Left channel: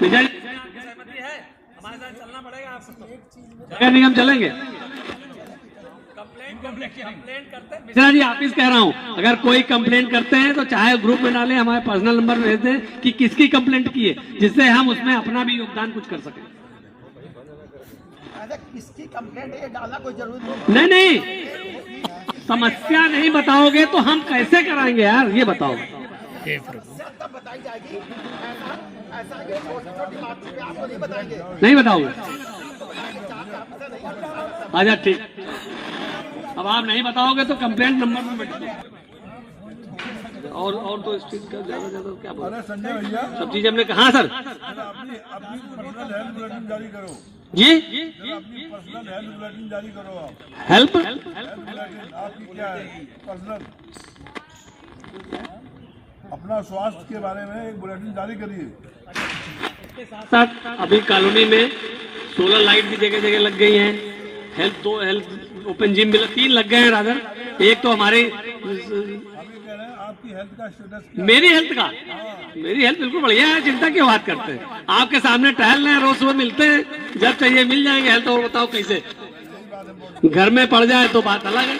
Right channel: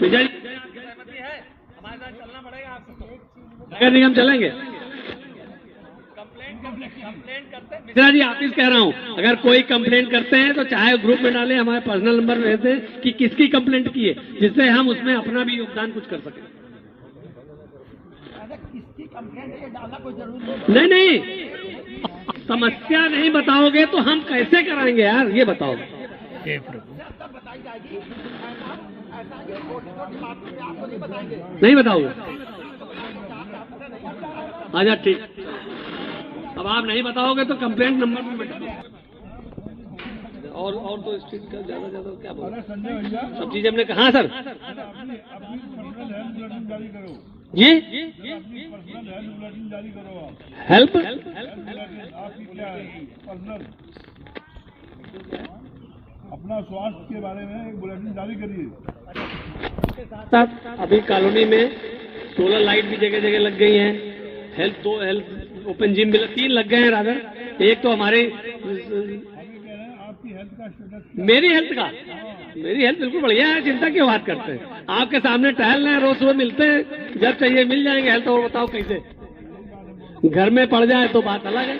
विजय अगर नहीं हम चलेंगे। मिश्रा जी ऑफिस कह रहा हूँ, अगर कोई कंप्लेंट करते हैं तो चाहे ग्रुप में डालें, हमारे पर्सनल नंबर में भेज दें कि किसकी कंप्लेंट की है, जिससे हम उसमें अपना भी योगदान कुछ कर सकें। किसकी कंप्लेंट है ये डालना कोई जरूरी नहीं नहीं, समस्या नहीं बताओगे तो हम कैसे कराएंगे यार, ये बताओ। तब बताई जाएगी। ऐसा ये छोटी बात पे आपको नहीं बताएंगे। नहीं बताओगे? अच्छा ठीक, अब आप नहीं बताओगे तो कंप्लेंट नंबर में बैठो। और तो स्ट्रीट का ज्यादा क्या बोल। अरे संजय भैया, सब चीज हमने कहा सर। अपनी पर्सनल हेल्थ बुलेटिन जारी करो जी, अपनी पर्सनल हेल्थ बुलेटिन जारी करो आप। हेल्प हेल्थ बुलेटिन आपकी क्या है पर्सनल, अपना स्वास्थ्य के बारे में एक बुलेटिन जारी करिए। सर अभी कॉलोनी में सोलर लाइट भी जगह जगह लग गई है, हेल्थ ओपन जिम भी 3 लग गए हैं राधर। एक तो हमारे आपकी हेल्थ का स्टेटस क्या? मेरी हेल्थ का, मेरी हेल्थ बिल्कुल बढ़िया है, चिंता क्यों बात करते हैं। आपके सामने टहल रहे हैं, रोज सुबह मिलते हैं, जब चाहिए मिल जाएंगे हेल्थ। और बताओ कैसे, घर में पड़ जाए तो बात अलग है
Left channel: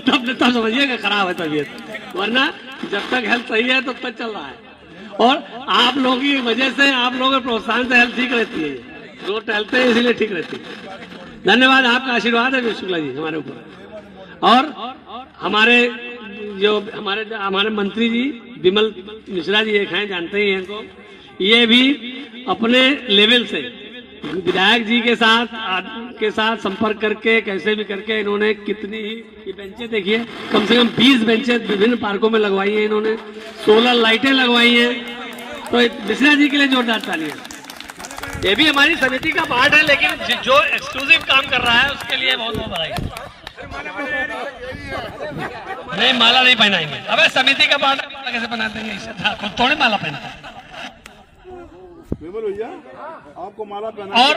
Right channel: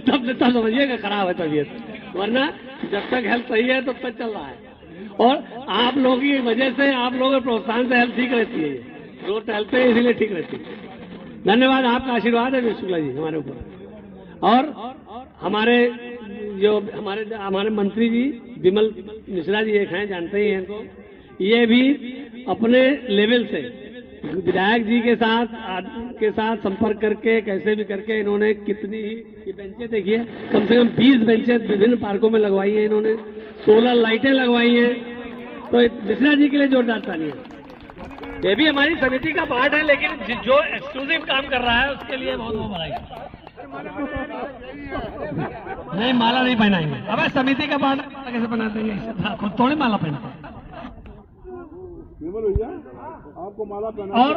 तब समझिएगा खराब है तबीयत, वरना जब तक हेल्थ सही है तब तक चल रहा है। और आप लोगों की वजह से, आप लोगों के प्रोत्साहन से हेल्थ ठीक रहती है, रोज टहलते हैं इसीलिए ठीक रहती है। धन्यवाद, आपका आशीर्वाद है शुक्ला जी हमारे ऊपर। और हमारे मंत्री जी विमल मिश्रा जी एक हैं, जानते ही हैं इनको, ये भी अपने लेवल से विधायक जी के साथ संपर्क करके कैसे भी करके इन्होंने कितनी ही ये बेंचें देखिए, कम से कम 20 बेंचें विभिन्न पार्कों में लगवाई हैं इन्होंने, सोलर लाइटें लगवाई हैं। तो मिश्रा जी के लिए जोरदार तालियां। ये भी हमारी समिति का पार्ट है, लेकिन जो एक्सक्लूसिव काम कर रहा है उसके लिए बहुत बहुत बधाई। नहीं माला नहीं पहनाएंगे, अबे समिति का पार्ट माला कैसे पहनाते हैं, थोड़ी माला पहनाते हैं। विमल भैया आपको माला पहना और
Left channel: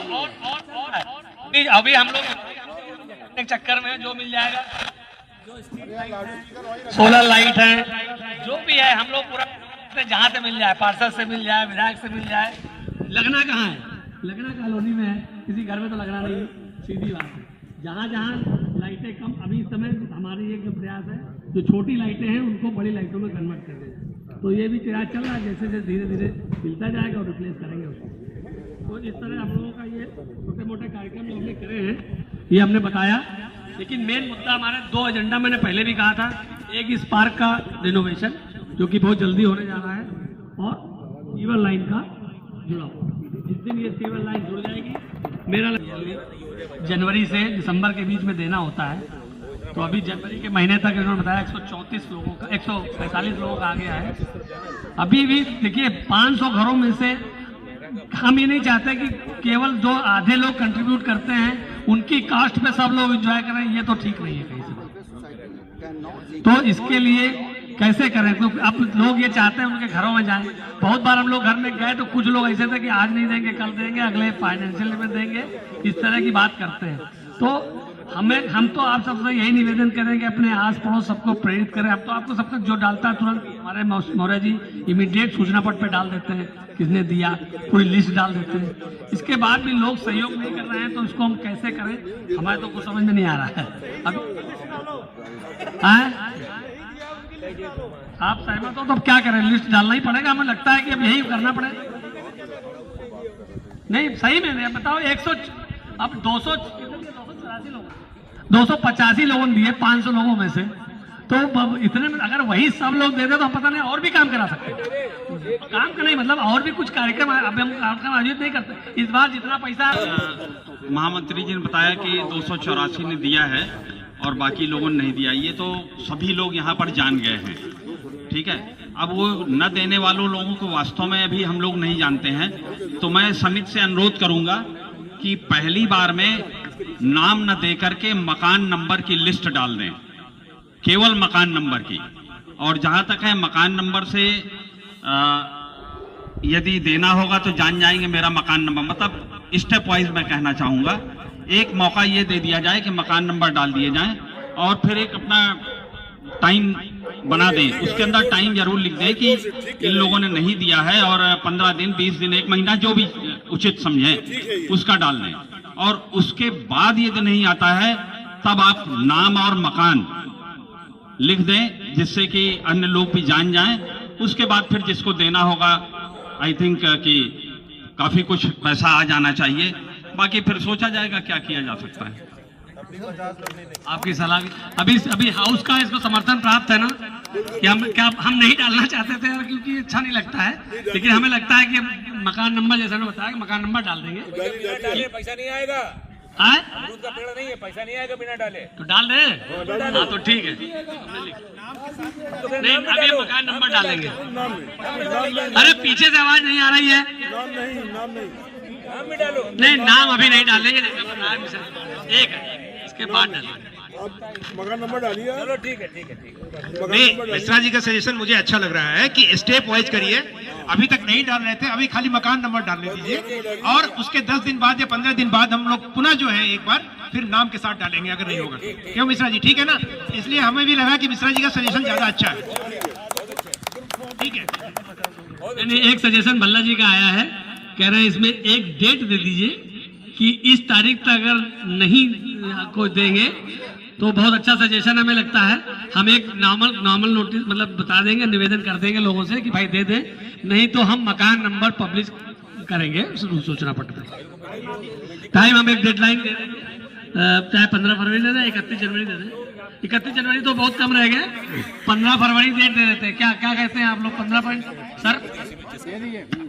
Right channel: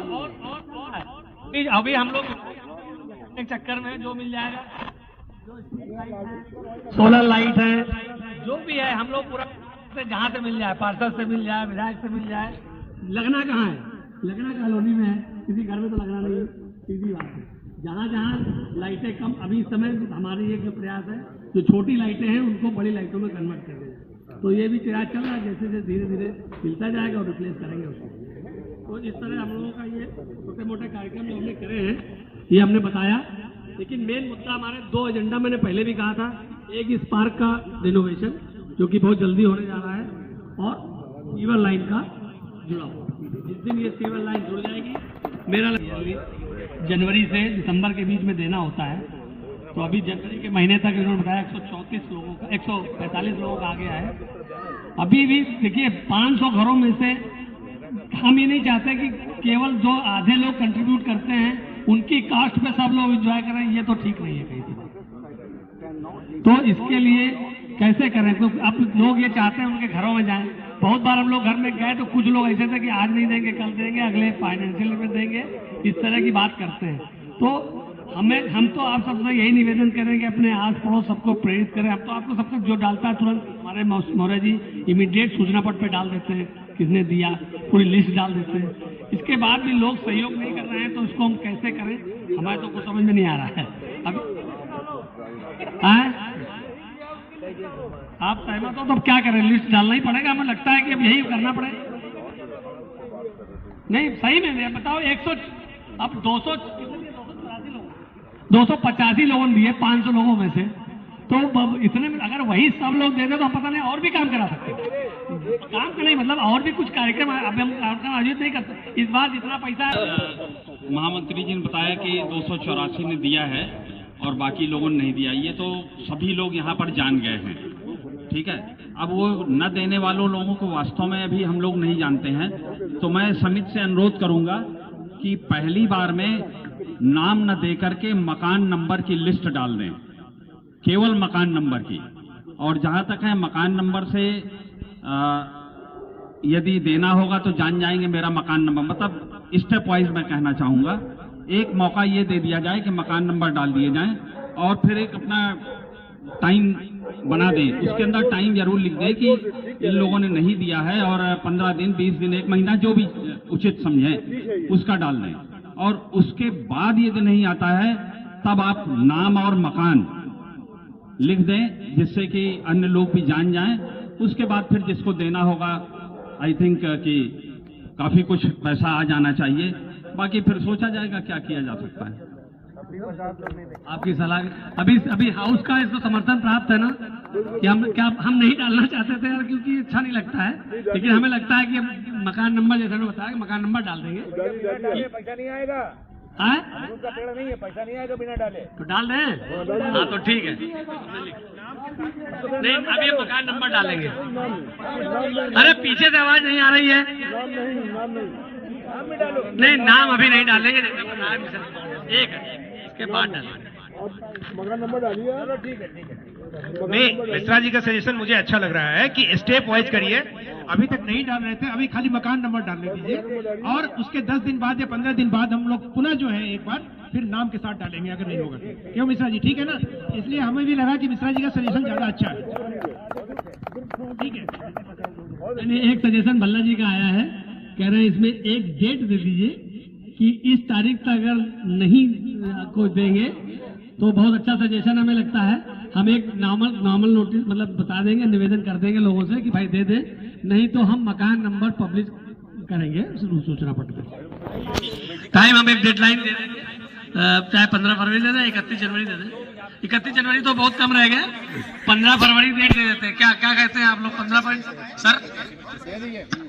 अभी हम लोग एक चक्कर में जो मिल जाएगा, सोलर लाइट है, जो भी है हम लोग पूरा जहाँ से मिल जाए, पार्षद से मिल जाए, विधायक से मिल जाए। लगना कहाँ है, लगना कॉलोनी में है, किसी घर में तो लगना नहीं, सीधी बात है। जहाँ जहाँ लाइटें कम, अभी इस समय हमारी एक प्रयास है, जो छोटी लाइटें हैं उनको बड़ी लाइटों में कन्वर्ट कर दें। तो ये भी प्रयास चल रहा है, जैसे जैसे धीरे धीरे मिलता जाएगा और रिप्लेस करेंगे उसको। तो इस तरह हम लोगों का ये छोटे मोटे कार्यक्रम जो हमने करे हैं, ये हमने बताया। लेकिन मेन मुद्दा हमारे 2 एजेंडा मैंने पहले भी कहा था, एक इस पार्क का रिनोवेशन जो कि बहुत जल्दी होने जा रहा है, और सीवर लाइन का जुड़ाव। जिस दिन ये सीवर लाइन जुड़ जाएगी, मेरा जनवरी से दिसंबर के बीच में देना होता है, तो अभी जनवरी के महीने तक इन्होंने बताया 145 लोगों का, 145 लोगों का आ गया है। अभी भी देखिए 500 घरों में से हम ये नहीं चाहते कि केवल जो आधे लोग कंट्रीब्यूट करते हैं उनकी कास्ट पे सब लोग एंजॉय करें, ये तो ठीक नहीं है कहीं से। तो इसके लिए कैसे करें, तो अब लोग ये चाहते हैं उनके घरों में जाएं। बहुत बार हम लोग घर में गए तो कुछ लोग ऐसे थे कि आज नहीं देंगे, कल देंगे, अगले फाइनेंशियल में देंगे, इस तरह की बात करते हैं। तो हम तो आप सबसे यही निवेदन करें कि अपने आस पड़ोस सबको प्रेरित करें। हम तो आपको सबको जो डालता है तुरंत हमारे मौर्य जी इमीडिएट सूचना पट पे डाल देते हैं, किसने दिया, पूरी लिस्ट डाल देते हैं। इसके बाद भी लोग सहयोग नहीं कर रहे हैं, तो इसको हम कैसे करें, हमारे तो कुछ समझ में नहीं आ रहा है। अब आप सहमत हो तो अब क्या करें, लिस्ट डालना ही पड़ेगा, हमें लगता है कि अब यही करना पड़ेगा। नहीं सही में बताओ, 100 अब 285 लोगों ने दिए 500 लोगों में से, तो इतने में अगर वही सब लोग दे दे तो पता नहीं और भी काम करा सकते हैं। काम का नहीं मतलब और भी कुछ कार्यक्रम अभी हम कार्यक्रम आयोजित नहीं करते। इस बार जितना पैसा महामंत्री जी ने बताया कि 284 ने दिया है और बाकी लोगों ने नहीं दिया, ये तो सभी लोग यहाँ पर जान गए हैं, ठीक है। अब वो न देने वालों लोगों को वास्तव में अभी हम लोग नहीं जानते हैं, तो मैं समिति से अनुरोध करूंगा कि पहली बार में नाम न दे करके मकान नंबर की लिस्ट डाल दें, केवल मकान नंबर की। और जहां तक है मकान नंबर से यदि देना होगा तो जान जाएंगे मेरा मकान नंबर, मतलब स्टेप वाइज मैं कहना चाहूंगा। एक मौका ये दे दिया जाए कि मकान नंबर डाल दिए जाएं और फिर एक अपना टाइम बना दें, उसके अंदर टाइम जरूर लिख दें कि इन लोगों ने नहीं दिया है, और 15 दिन 20 दिन 1 महीना जो भी उचित समझे उसका डाल दें। और उसके बाद यदि नहीं आता है तब आप नाम और मकान लिख दें, जिससे कि अन्य लोग भी जान जाएं। उसके बाद फिर जिसको देना होगा, आई थिंक कि काफी कुछ पैसा आ जाना चाहिए, बाकी फिर सोचा जाएगा क्या किया जा सकता है। आपकी सलाह अभी हाउस का इसको समर्थन प्राप्त है ना कि हम नहीं डालना चाहते थे क्योंकि अच्छा नहीं लगता है, लेकिन हमें लगता है कि मकान नंबर, जैसा मैं बताया, मकान नंबर डाल देंगे। पैसा नहीं आएगा, अमरूद का पेड़ नहीं है, पैसा नहीं आएगा बिना डाले। तो डाल दें, हाँ तो ठीक है, नहीं अभी मकान नंबर डालेंगे। अरे पीछे से आवाज नहीं आ रही है, नाम नहीं नाम भी डालो। नहीं नाम अभी नहीं डालेंगे, एक इसके बाद डालेंगे। अब मकान नंबर डालिए। चलो ठीक है, ठीक है, ठीक है। नहीं, मिश्रा जी का सजेशन मुझे अच्छा लग रहा है कि स्टेप वाइज करिए। अभी तक नहीं डाल रहे थे, अभी खाली मकान नंबर डालने दीजिए, और उसके 10 दिन बाद या 15 दिन बाद हम लोग पुनः जो है एक बार फिर नाम के साथ डालेंगे अगर नहीं होगा तो। क्यों मिश्रा जी, ठीक है ना? इसलिए हमें भी लगा कि मिश्रा जी का सजेशन ज्यादा अच्छा है। ठीक है, एक सजेशन भल्ला जी का आया है, कह रहे हैं इसमें एक डेट दे दीजिए कि इस तारीख तक अगर नहीं को देंगे तो बहुत अच्छा सजेशन हमें लगता है। हम एक नॉर्मल नोटिस मतलब बता देंगे, निवेदन कर देंगे लोगों से कि भाई दे दे, नहीं तो हम मकान नंबर पब्लिश करेंगे सूचना पत्र पे। टाइम हम एक डेडलाइन दे देंगे, चाहे 15 फरवरी दे दें, 31 जनवरी दे दें। 31 जनवरी तो बहुत कम रह गया, 15 फरवरी डेट दे देते हैं। क्या कहते हैं आप लोग?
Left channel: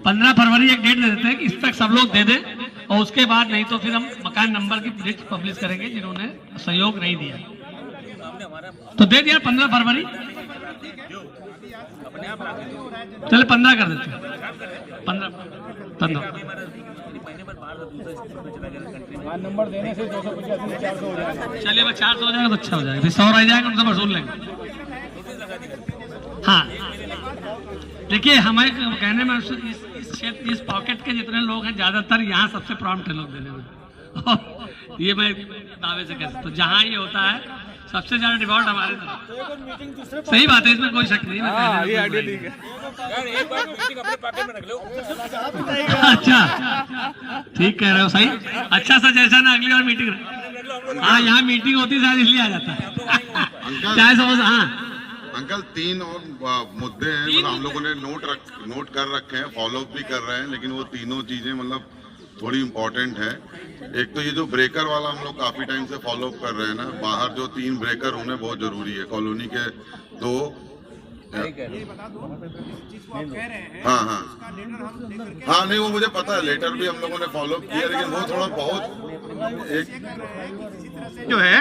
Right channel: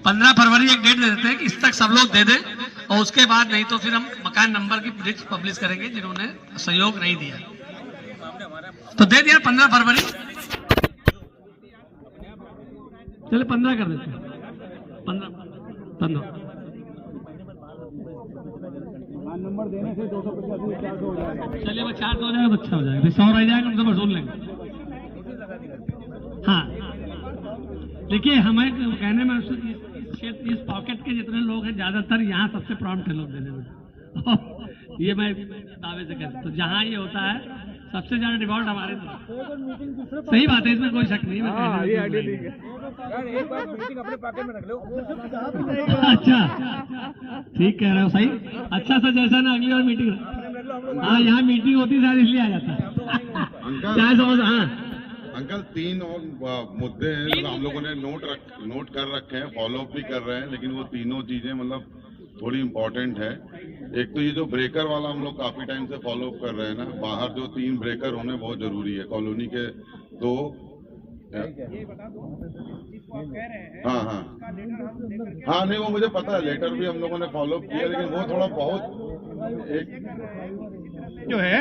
15 फरवरी एक डेट दे देते हैं कि इस तक सब लोग दे दें, और उसके बाद नहीं तो फिर हम मकान नंबर की लिस्ट पब्लिश करेंगे जिन्होंने सहयोग नहीं दिया। तो दे दिया 15 फरवरी, चले 15 कर देते हैं, 15 नंबर देने से 250 हो जाएगा। चलिए वह 400 हो जाएगा तो अच्छा हो जाएगा, फिर 100 रह जाएगा, उनसे वसूल लेंगे। हाँ देखिए, हमारे कहने में इस पॉकेट के जितने लोग हैं ज्यादातर यहाँ सबसे प्रॉम्प्ट है लोग देने में। ये मैं दावे से कहता हूँ, जहाँ ये होता है सबसे ज्यादा डिफॉल्ट हमारे तरफ। सही बात है, इसमें कोई शक नहीं है। यार एक बार मीटिंग अपने पॉकेट में रख लो। अच्छा ठीक कह रहे हो, सही, अच्छा सजेशन है, अगली बार मीटिंग। हाँ यहाँ मीटिंग होती है शायद इसलिए आ जाता है। चाहे समझ, हाँ अंकल 3 और मुद्दे हैं, मतलब हम लोगों ने नोट कर रखे हैं, फॉलो अप भी कर रहे हैं, लेकिन वो तीनों चीजें मतलब थोड़ी इम्पोर्टेंट है। एक तो ये जो ब्रेकर वाला हम लोग काफी टाइम से फॉलो अप कर रहे हैं ना, बाहर जो 3 ब्रेकर होने बहुत जरूरी है कॉलोनी के। तो हाँ नहीं, वो मुझे पता है, लेटर भी हम लोगों ने फॉलो अप किया, लेकिन वो थोड़ा बहुत एक जो है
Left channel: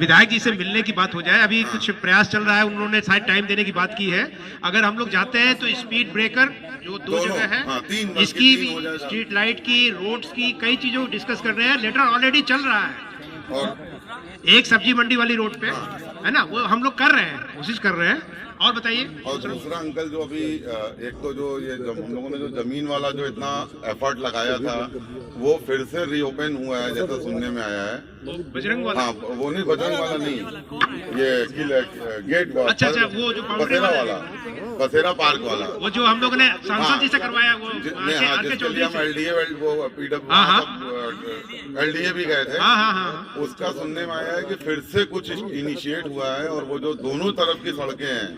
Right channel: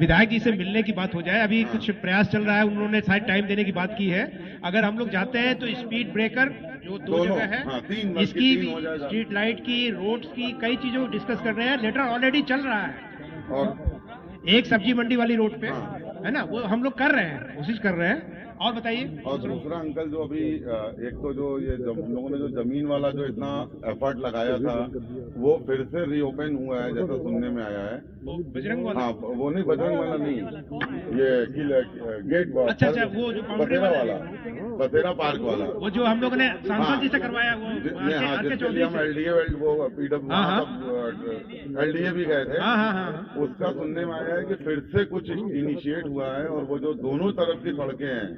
विधायक जी से मिलने की बात हो जाए। अभी कुछ प्रयास चल रहा है, उन्होंने शायद टाइम देने की बात की है। अगर हम लोग जाते हैं तो स्पीड ब्रेकर जो 2 जगह है, हाँ, 3 इसकी तीन हो जाएगा। स्ट्रीट लाइट की, रोड्स की, कई चीजों को डिस्कस कर रहे हैं। लेटर ऑलरेडी चल रहा है, और एक सब्जी मंडी वाली रोड पे है ना, वो हम लोग कर रहे हैं, कोशिश कर रहे हैं। और बताइए। और दूसरा अंकल, जो अभी एक तो जो ये हम लोगों ने जो जमीन वाला जो इतना एफर्ट लगाया था, वो फिर से रीओपन हुआ है जैसा सुनने में आया है। बजरंग वाला? हाँ वो नहीं, बजरंग वाला नहीं, ये गेट अच्छा, वो जो बसेरा वाला, बसेरा पार्क वाला, वो जो हम लोगों ने सांसद जी से करवाया, वो जिसके लिए हम एलडीए वो PW LDA भी गए थे। उसका सुनने में आया है कि फिर से कुछ इनिशिएट हुआ है, और वो जो दोनों तरफ की सड़कें हैं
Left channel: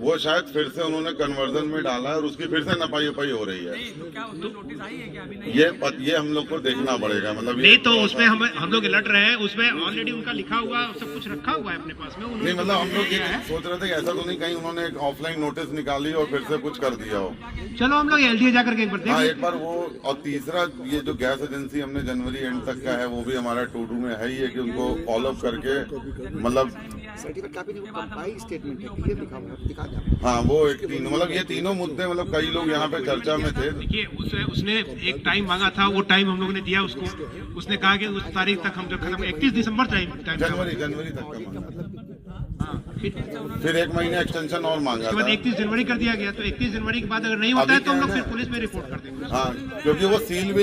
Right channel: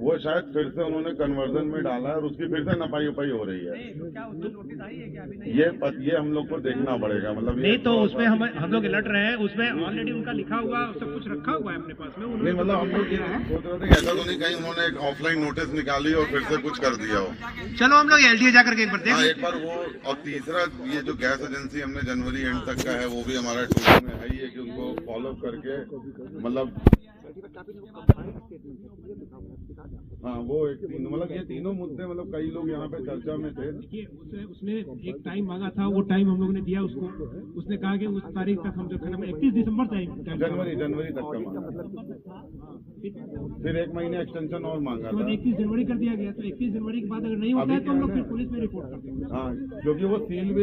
वो शायद फिर से उन्होंने कन्वर्जन में डाला है, और उसकी फिर से नपाई हो रही है। ये हम लोग को देखना पड़ेगा, मतलब नहीं तो उसमें हम लोग अलर्ट रहे हैं, उसमें ऑलरेडी उनका लिखा हुआ सब कुछ रखा हुआ है अपने पास में। नहीं मतलब हम लोग ये सोच रहे थे कि ऐसा तो नहीं कहीं उन्होंने एक ऑफलाइन नोटिस निकाली और फिर से कुछ कर दिया हो। चलो हम लोग LDA जाकर के एक बार हाँ, एक बार वो। और तीसरा, ये जो गैस एजेंसी हमने जनवरी एंड तक का है, वो भी हमारा टूल में है ही है कि उनको फॉलो अप करके, मतलब सर्टिफिकेट कापी नहीं, वो कंपाइल स्टेटमेंट है, क्लियर लिखा हुआ है, दिखा दे। हाँ वो एक तीनों, मतलब ये तीनों मुद्दे, मतलब कई लोग यहाँ पे चर्चा में थे। देखिए उसने एक टाइम मांगा था, वो टाइम हम लोगों ने दिया उसको। उसने कहा कि उस तारीख तक हम जब खत्म, 31 दिसंबर जनवरी तक का, फिर 1 महीने एक्सटेंशन और मांगा। उसके बाद 31 जनवरी कर दिया गया। तो 31 जनवरी के बाद अगर नहीं होता है तो हम लोग फिर पुलिस में रिपोर्ट कर देंगे। हाँ, क्योंकि वो सील भी